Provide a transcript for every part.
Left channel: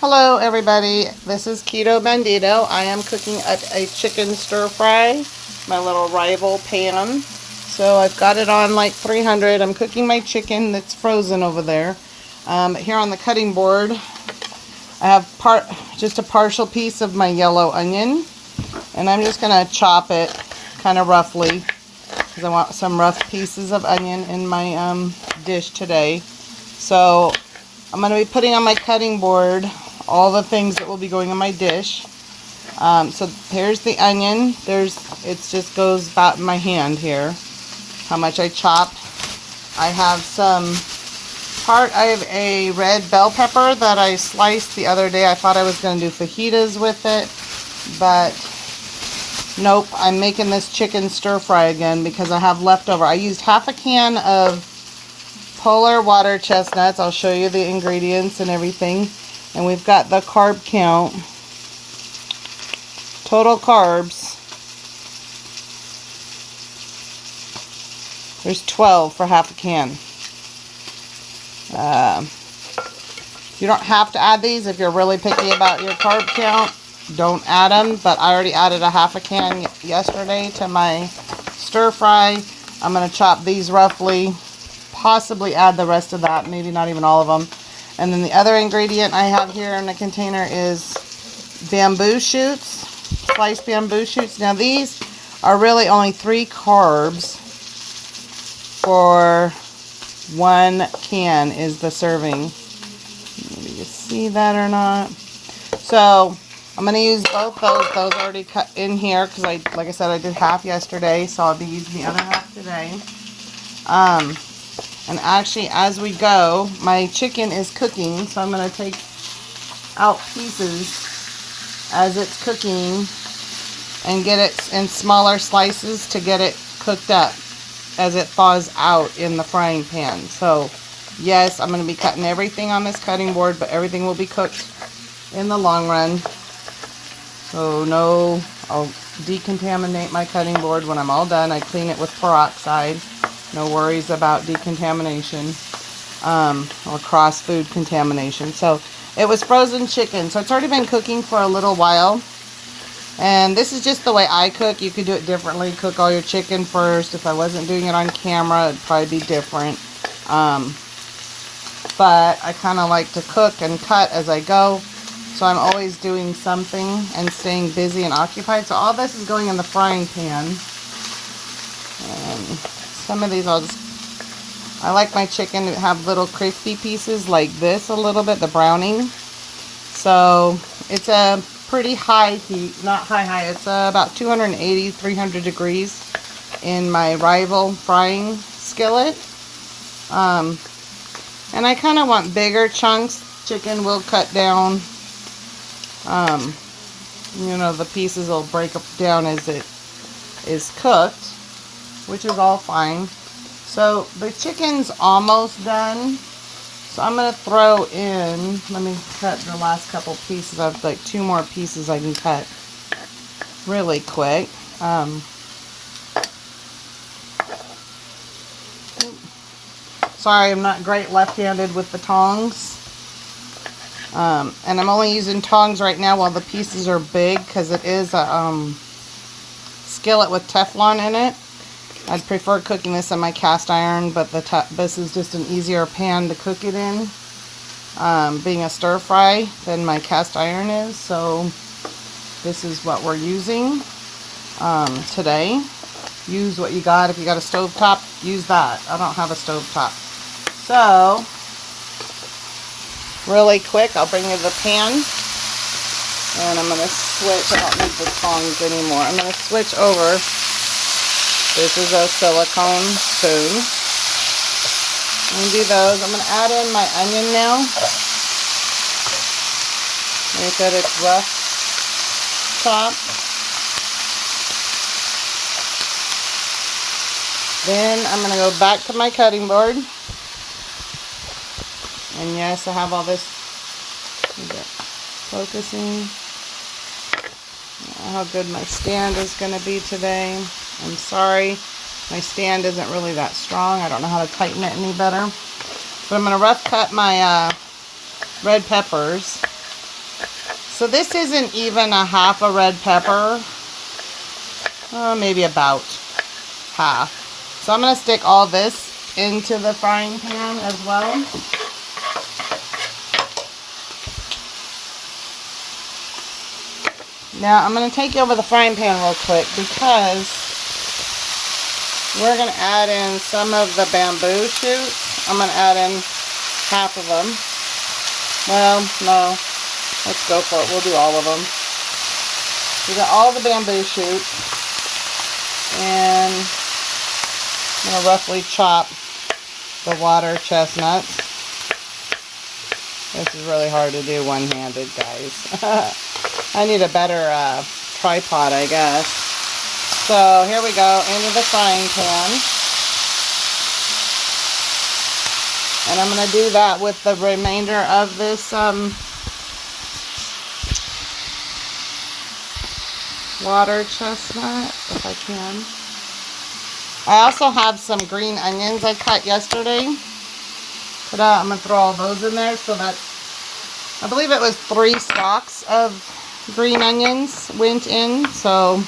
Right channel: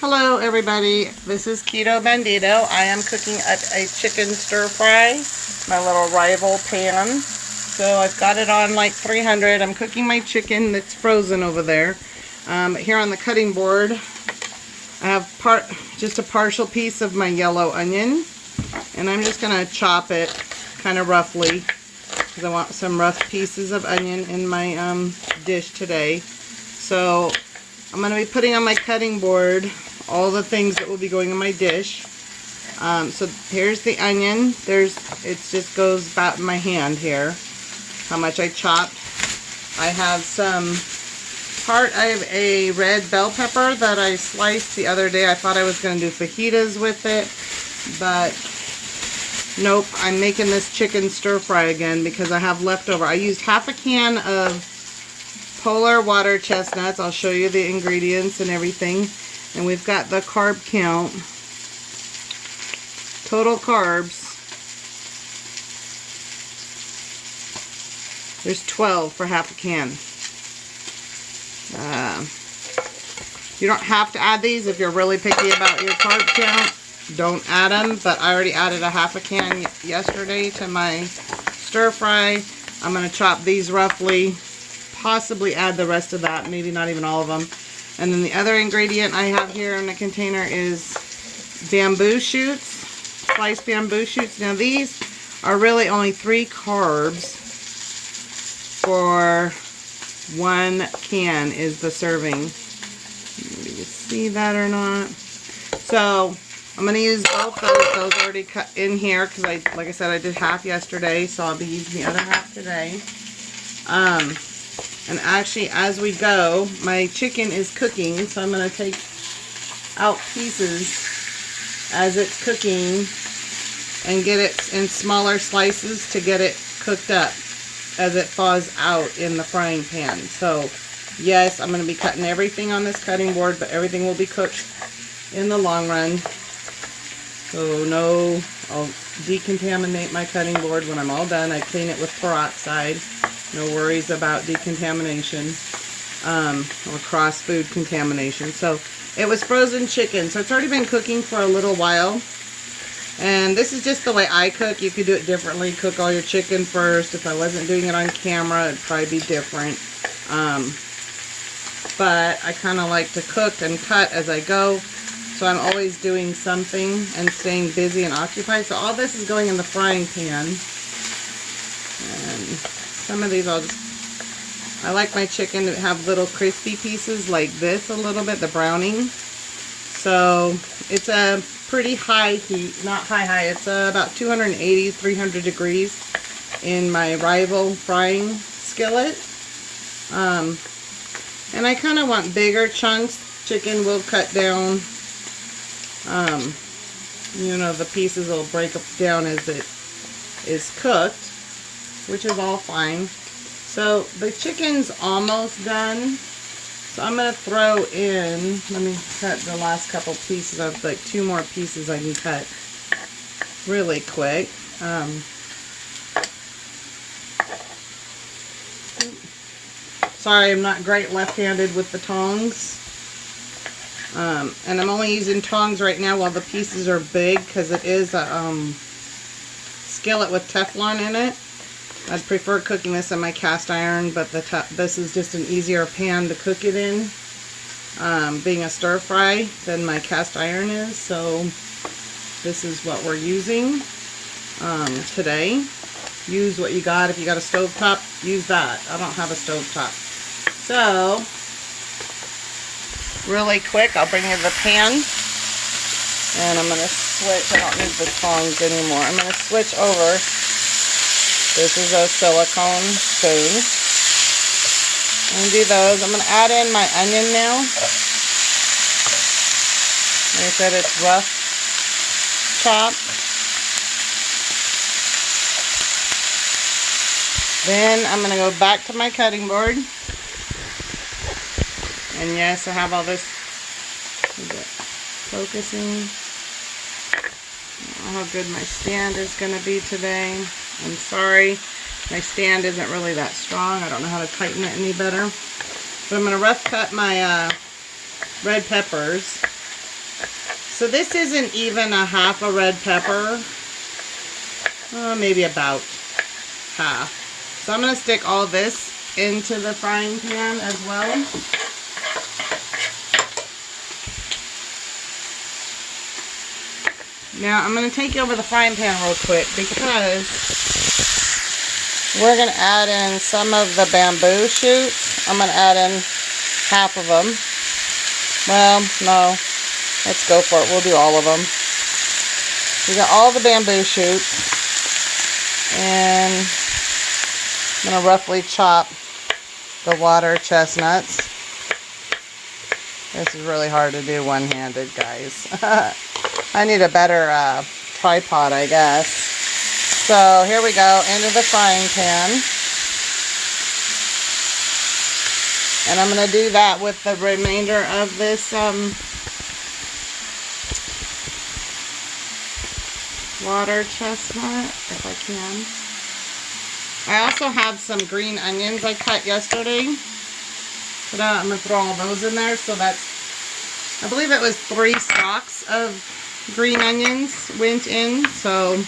Hello everybody, this is Keto Bandito. I am cooking up a chicken stir fry, my little rival pan. So I've got it on like 300. I'm cooking my chicken that's frozen over there. Here on the cutting board, I have just a partial piece of my yellow onion. And I'm just going to chop it kind of roughly because I want some rough pieces of onion in my dish today. So I'm going to be putting on my cutting board all the things that will be going in my dish. So here's the onion. It just goes about in my hand here. How much I chopped. I have I have a red bell pepper that I sliced the other day. I thought I was going to do fajitas with it, but nope. I'm making this chicken stir fry again because I have leftover. I used half a can of polar water chestnuts. I'll show you the ingredients and everything. And we've got the carb count. Total carbs. There's 12 for half a can. You don't have to add these if you're really picky about your carb count. Don't add them, but I already added a half a can yesterday to my stir fry. I'm going to chop these roughly. Possibly add the rest of that, maybe not even all of them. And then the other ingredient I have here in the container is bamboo shoots, sliced bamboo shoots. Now these are really only 3 carbs for 1 can is the serving. Maybe you see that or not. So I'm going to use both those. Those are already cut in here because like I said, I did half yesterday, so I'll be using the other half today. And actually, as we go, my chicken is cooking, so I'm going to take out pieces as it's cooking and get it in smaller slices to get it cooked up as it thaws out in the frying pan. So, yes, I'm going to be cutting everything on this cutting board, but everything will be cooked in the long run. So, no, I'll decontaminate my cutting board when I'm all done. I clean it with peroxide. No worries about decontamination or cross-food contamination. So it was frozen chicken. So it's already been cooking for a little while. And this is just the way I cook. You could do it differently. Cook all your chicken first. If I wasn't doing it on camera, it'd probably be different. But I kind of like to cook and cut as I go. So I'm always doing something and staying busy and occupied. So all this is going in the frying pan. And some of these I like my chicken to have little crispy pieces like this a little bit, the browning. So it's a pretty high heat, not high, it's about 280, 300 degrees in my rival frying skillet. And I kind of want bigger chunks. Chicken will cut down. You know, the pieces will break down as it is cooked, which is all fine. So the chicken's almost done. So I'm going to throw in, let me cut the last couple pieces. I have like 2 more pieces I can cut really quick. Sorry, I'm not great left-handed with the tongs. And I'm only using tongs right now while the pieces are big because it is a skillet with Teflon in it. I'd prefer cooking this in my cast iron, but this is just an easier pan to cook it in, being a stir fry, than my cast iron is. So this is what we're using today. Use what you got. If you got a stove top, use that. I don't have a stove top. So really quick, I'll bring you the pan, and I'm going to switch. I don't need the tongs anymore. I'm going to switch over. This is a silicone spoon. I'm going to do those. I'm going to add in my onion now. Like I said, it's rough chop. Then I'm going to go back to my cutting board. And yes, I have all this. Is it focusing? I don't know how good my stand is going to be today. I'm sorry, my stand isn't really that strong. I don't know how to tighten it any better. But I'm going to rough cut my red peppers. So this isn't even a half a red pepper. Maybe about half. So I'm going to stick all this into the frying pan as well. Now I'm going to take you over the frying pan real quick because we're going to add in some of the bamboo shoots. I'm going to add in half of them. Well, no. Let's go for it. We'll do all of them. We got all the bamboo shoots. And I'm going to roughly chop the water chestnuts. This is really hard to do one-handed, guys. I need a better tripod, I guess. So here we go, into the frying pan. And I'm going to do that with the remainder of this water chestnut, if I can. I also have some green onions I cut yesterday. But I'm going to throw all those in there. So that's, I believe it was 3 stalks of green onions went in. So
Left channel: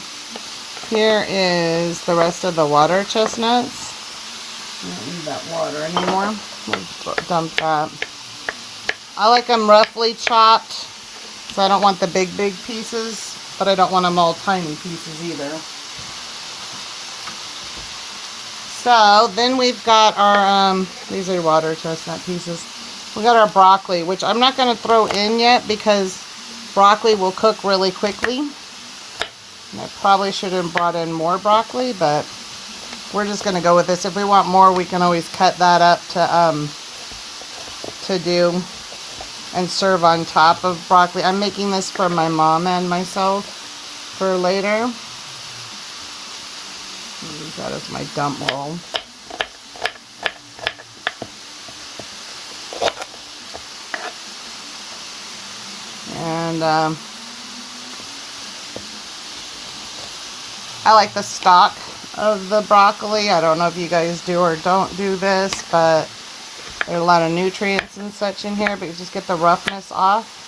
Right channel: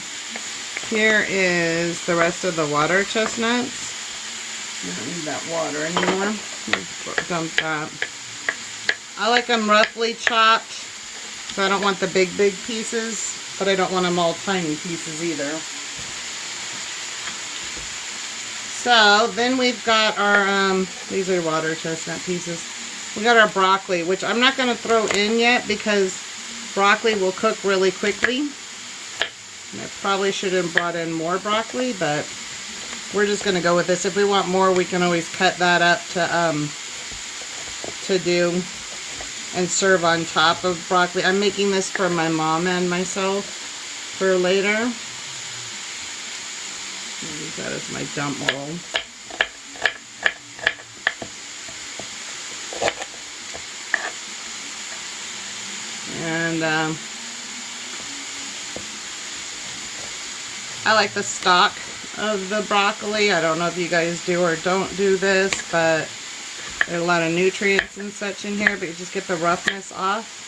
here is the rest of the water chestnuts. I don't need that water anymore. Let's dump that. I like them roughly chopped. So I don't want the big pieces. But I don't want them all tiny pieces either. So then we've got our, these are water chestnut pieces. We got our broccoli, which I'm not going to throw in yet because broccoli will cook really quickly. And I probably should have brought in more broccoli, but we're just going to go with this. If we want more, we can always cut that up to do and serve on top of broccoli. I'm making this for my mom and myself for later. Use that as my dump bowl. And I like the stalk of the broccoli. I don't know if you guys do or don't do this, but there's a lot of nutrients and such in here, but you just get the roughness off.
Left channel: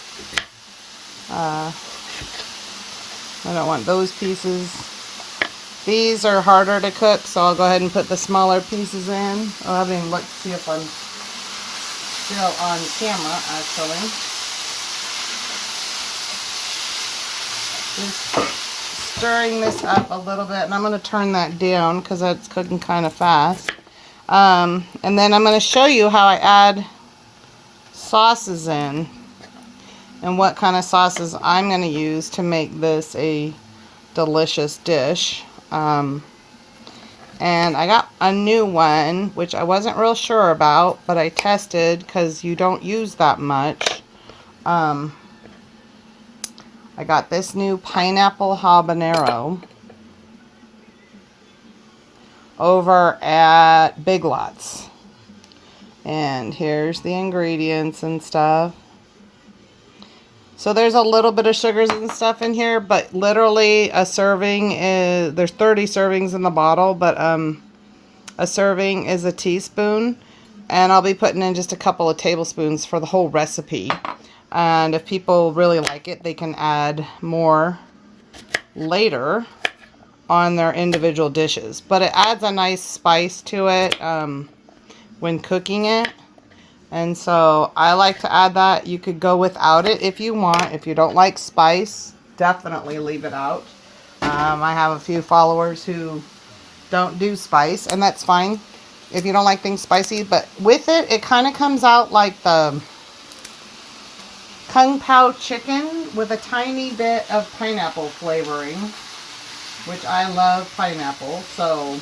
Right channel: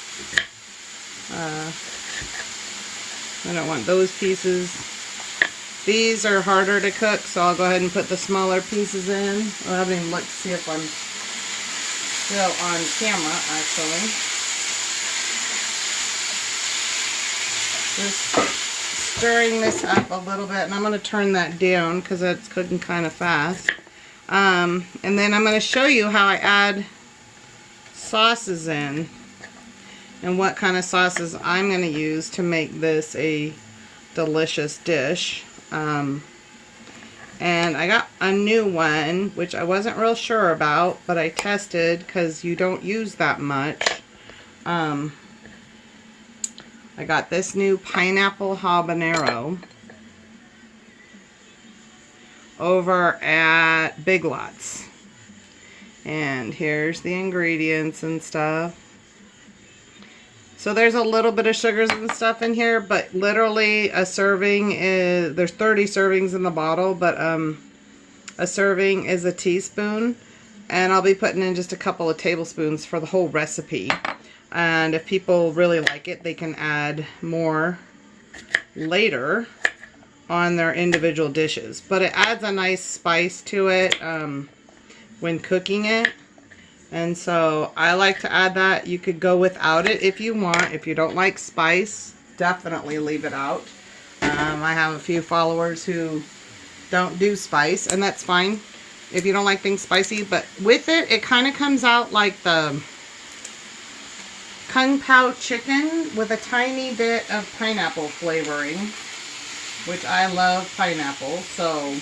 I don't want those pieces. These are harder to cook, so I'll go ahead and put the smaller pieces in. I haven't even looked to see if I'm still on camera, actually. Just stirring this up a little bit, and I'm going to turn that down because it's cooking kind of fast. And then I'm going to show you how I add sauces in and what kind of sauces I'm going to use to make this a delicious dish. And I got a new one, which I wasn't real sure about, but I tested because you don't use that much. I got this new pineapple habanero over at Big Lots. And here's the ingredients and stuff. So there's a little bit of sugars and stuff in here, but literally a serving is, there's 30 servings in the bottle, but a serving is a teaspoon. And I'll be putting in just a couple of tablespoons for the whole recipe. And if people really like it, they can add more later on their individual dishes. But it adds a nice spice to it when cooking it. And so I like to add that. You could go without it if you want. If you don't like spice, definitely leave it out. I have a few followers who don't do spice, and that's fine if you don't like things spicy. But with it, it kind of comes out like the Kung Pao chicken with a tiny bit of pineapple flavoring, which I love pineapple, so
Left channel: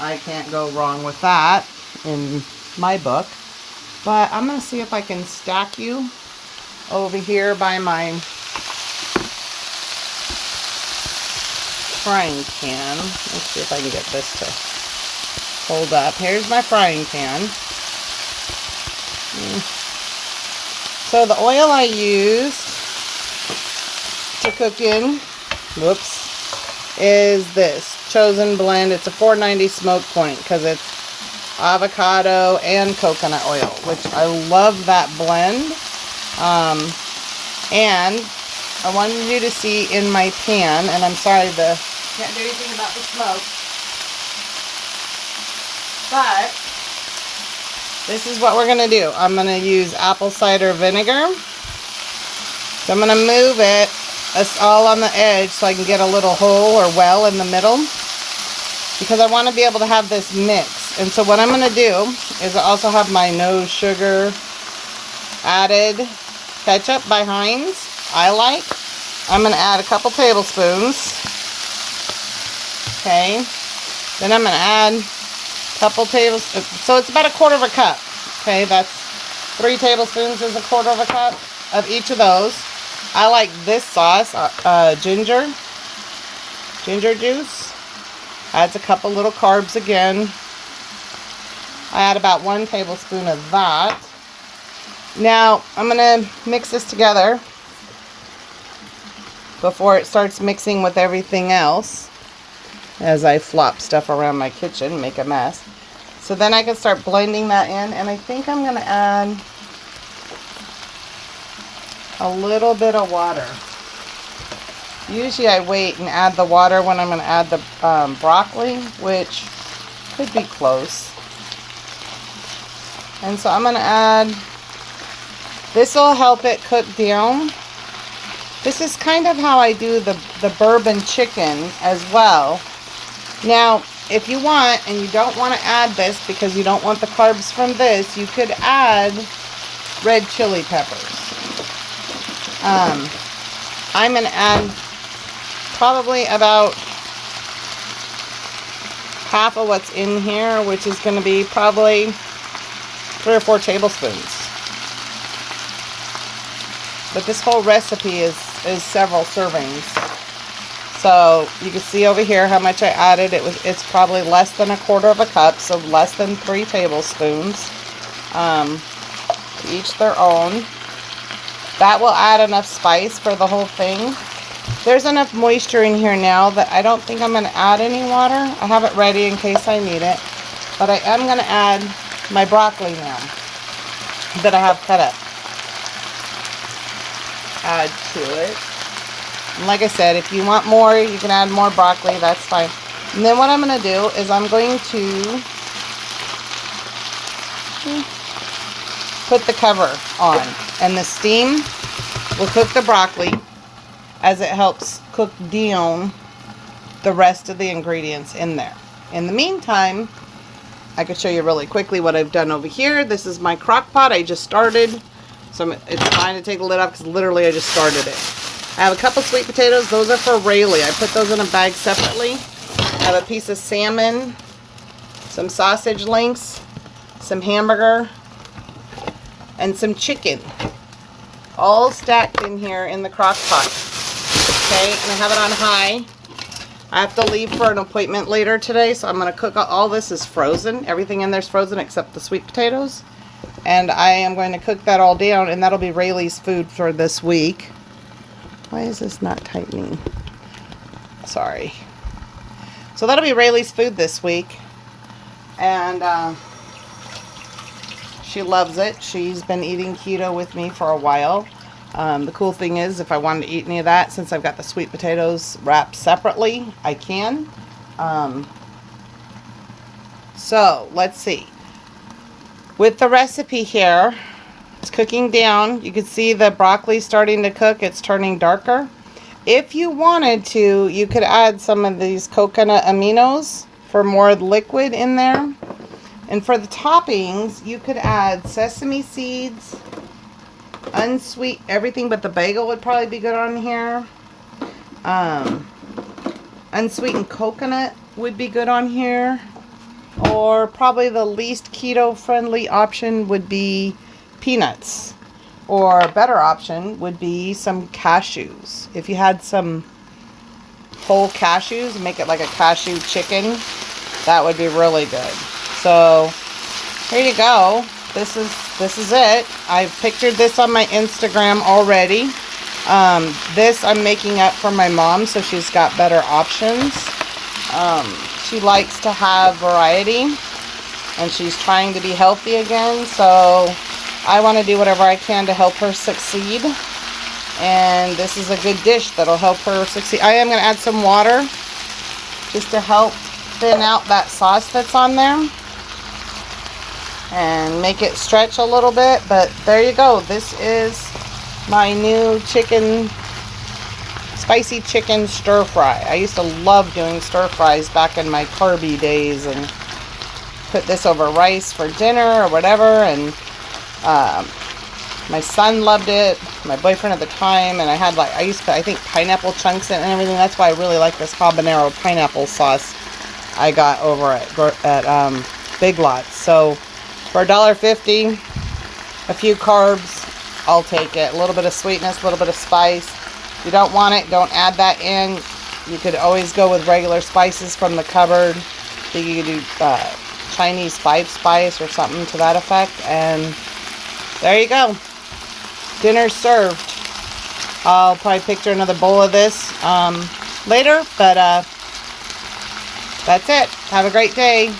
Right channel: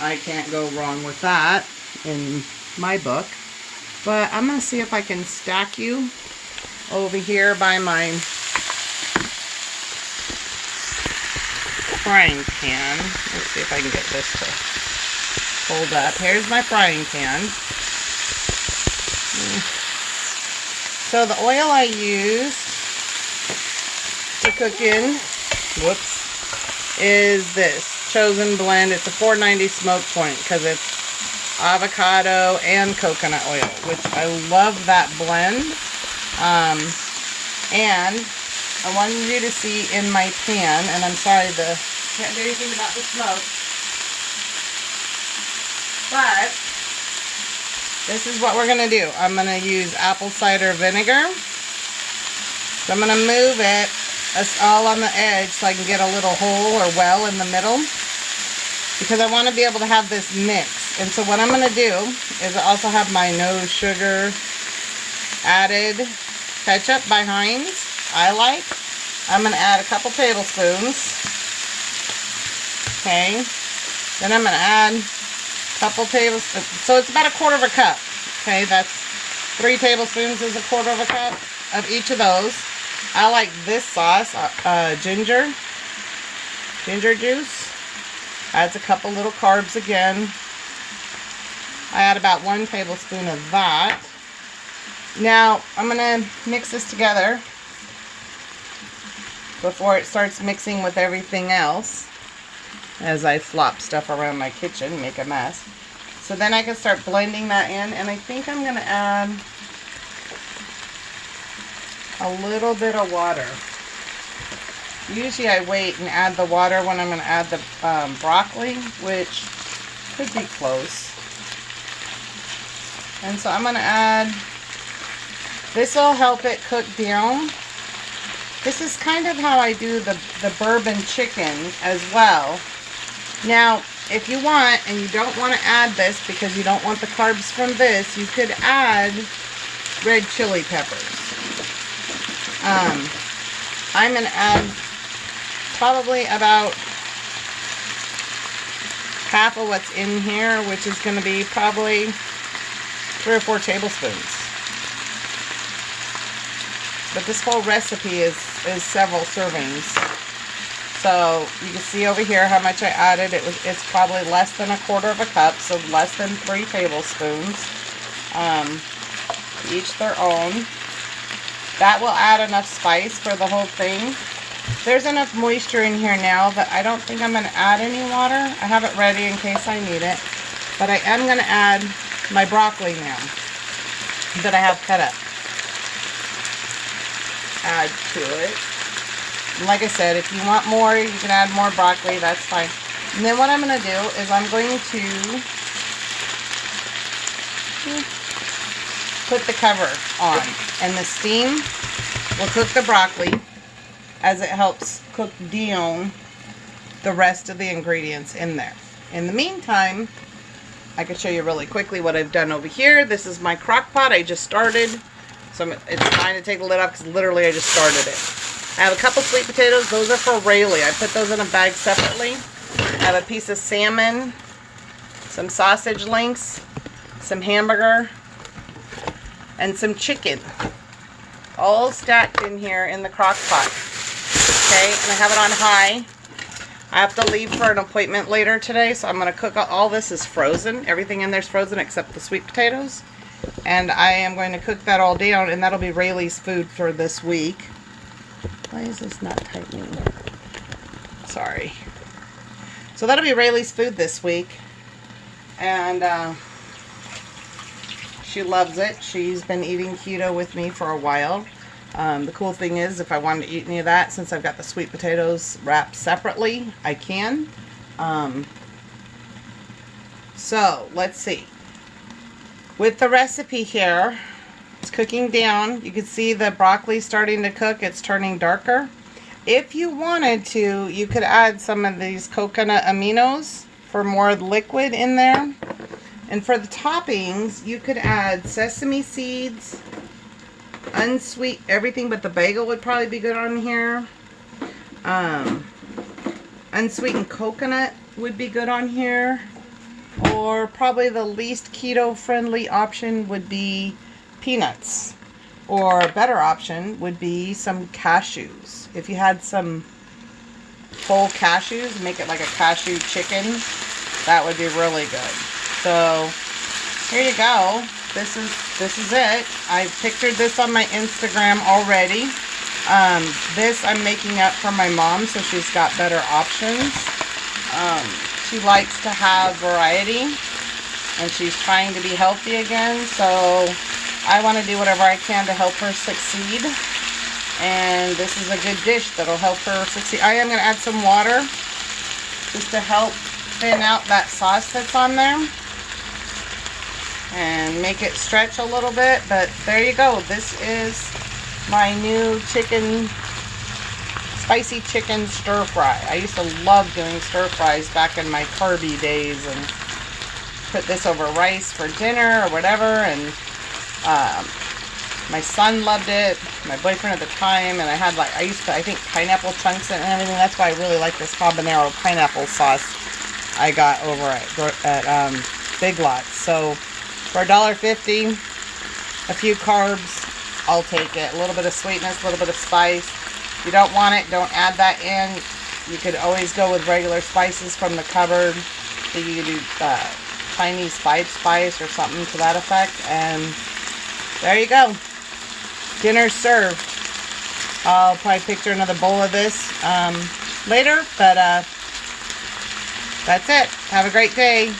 I can't go wrong with that in my book. But I'm going to see if I can stack you over here by my frying pan. Let's see if I can get this to hold up. Here's my frying pan. So the oil I use to cook in, is this Chosen Blend. It's a $4.90 smoke point because it's avocado and coconut oil, which I love that blend. And I wanted you to see in my pan, and I'm sorry, can't do anything about the smoke, but this is what we're going to do. I'm going to use apple cider vinegar. So I'm going to move it all on the edge so I can get a little hole or well in the middle, because I want to be able to have this mix. And so what I'm going to do is I also have my no sugar added ketchup by Heinz. I'm going to add a couple tablespoons. Okay. Then I'm going to add a couple tablespoons. So it's about a quarter of a cup. Okay, that's 3 tablespoons is a quarter of a cup of each of those. I like this sauce, ginger juice. Adds a couple little carbs again. I add about 1 tablespoon of that. Now, I'm going to mix this together before it starts mixing with everything else, as I flop stuff around my kitchen, make a mess. So then I can start blending that in, and I think I'm going to add a little bit of water. Usually I wait and add the water when I'm going to add the broccoli, which could be close. And so I'm going to add, this will help it cook down. This is kind of how I do the bourbon chicken as well. Now, if you want, and you don't want to add this because you don't want the carbs from this, you could add red chili peppers. I'm going to add probably about half of what's in here, which is going to be probably 3 or 4 tablespoons. But this whole recipe is several servings. So you can see over here how much I added. It's probably less than a quarter of a cup, so less than 3 tablespoons. Each their own. That will add enough spice for the whole thing. There's enough moisture in here now that I don't think I'm going to add any water. I have it ready in case I need it. But I am going to add my broccoli now that I have cut up. Add to it. And like I said, if you want more, you can add more broccoli, that's fine. And then what I'm going to do is I'm going to put the cover on. And the steam will cook the broccoli as it helps cook down the rest of the ingredients in there. In the meantime, I can show you really quickly what I've done over here. This is my crock pot I just started. So it's fine to take the lid off because literally I just started it. I have a couple sweet potatoes. Those are for Rayleigh. I put those in a bag separately. I have a piece of salmon, some sausage links, some hamburger, and some chicken. All stacked in here in the crock pot. Okay, and I have it on high. I have to leave for an appointment later today, so I'm going to cook. All this is frozen. Everything in there is frozen except the sweet potatoes. And I am going to cook that all down, and that'll be Rayleigh's food for this week. Why is this not tightening? Sorry. So that'll be Rayleigh's food this week. And she loves it. She's been eating keto with me for a while. The cool thing is, if I wanted to eat any of that, since I've got the sweet potatoes wrapped separately, I can. So, let's see. With the recipe here, it's cooking down. You can see the broccoli starting to cook. It's turning darker. If you wanted to, you could add some of these coconut aminos for more liquid in there. And for the toppings, you could add sesame seeds, unsweet, everything but the bagel would probably be good on here. Unsweetened coconut would be good on here. Or probably the least keto-friendly option would be peanuts. Or a better option would be some cashews. If you had some whole cashews, make it like a cashew chicken, that would be really good. So, here you go. This is it. I've pictured this on my Instagram already. This I'm making up for my mom, so she's got better options. She likes to have variety, and she's trying to be healthy again, so I want to do whatever I can to help her succeed. And this is a good dish that'll help her succeed. I am going to add some water just to help thin out that sauce that's on there and make it stretch a little bit. But there you go. This is my new spicy chicken stir fry. I used to love doing stir fries back in my carby days and put this over rice for dinner or whatever. And my son loved it, my boyfriend at the time, and I used to put, I think, pineapple chunks in it and everything. That's why I really like this habanero pineapple sauce I got over at Big Lots. So for $1.50, a few carbs, I'll take it. A little bit of sweetness, a little bit of spice. If you don't want it, don't add that in. You could always go with regular spices from the cupboard. So you could do Chinese spice or something to that effect. And there you go. Dinner served. I'll probably picture another bowl of this later, but that's it. Have a great day.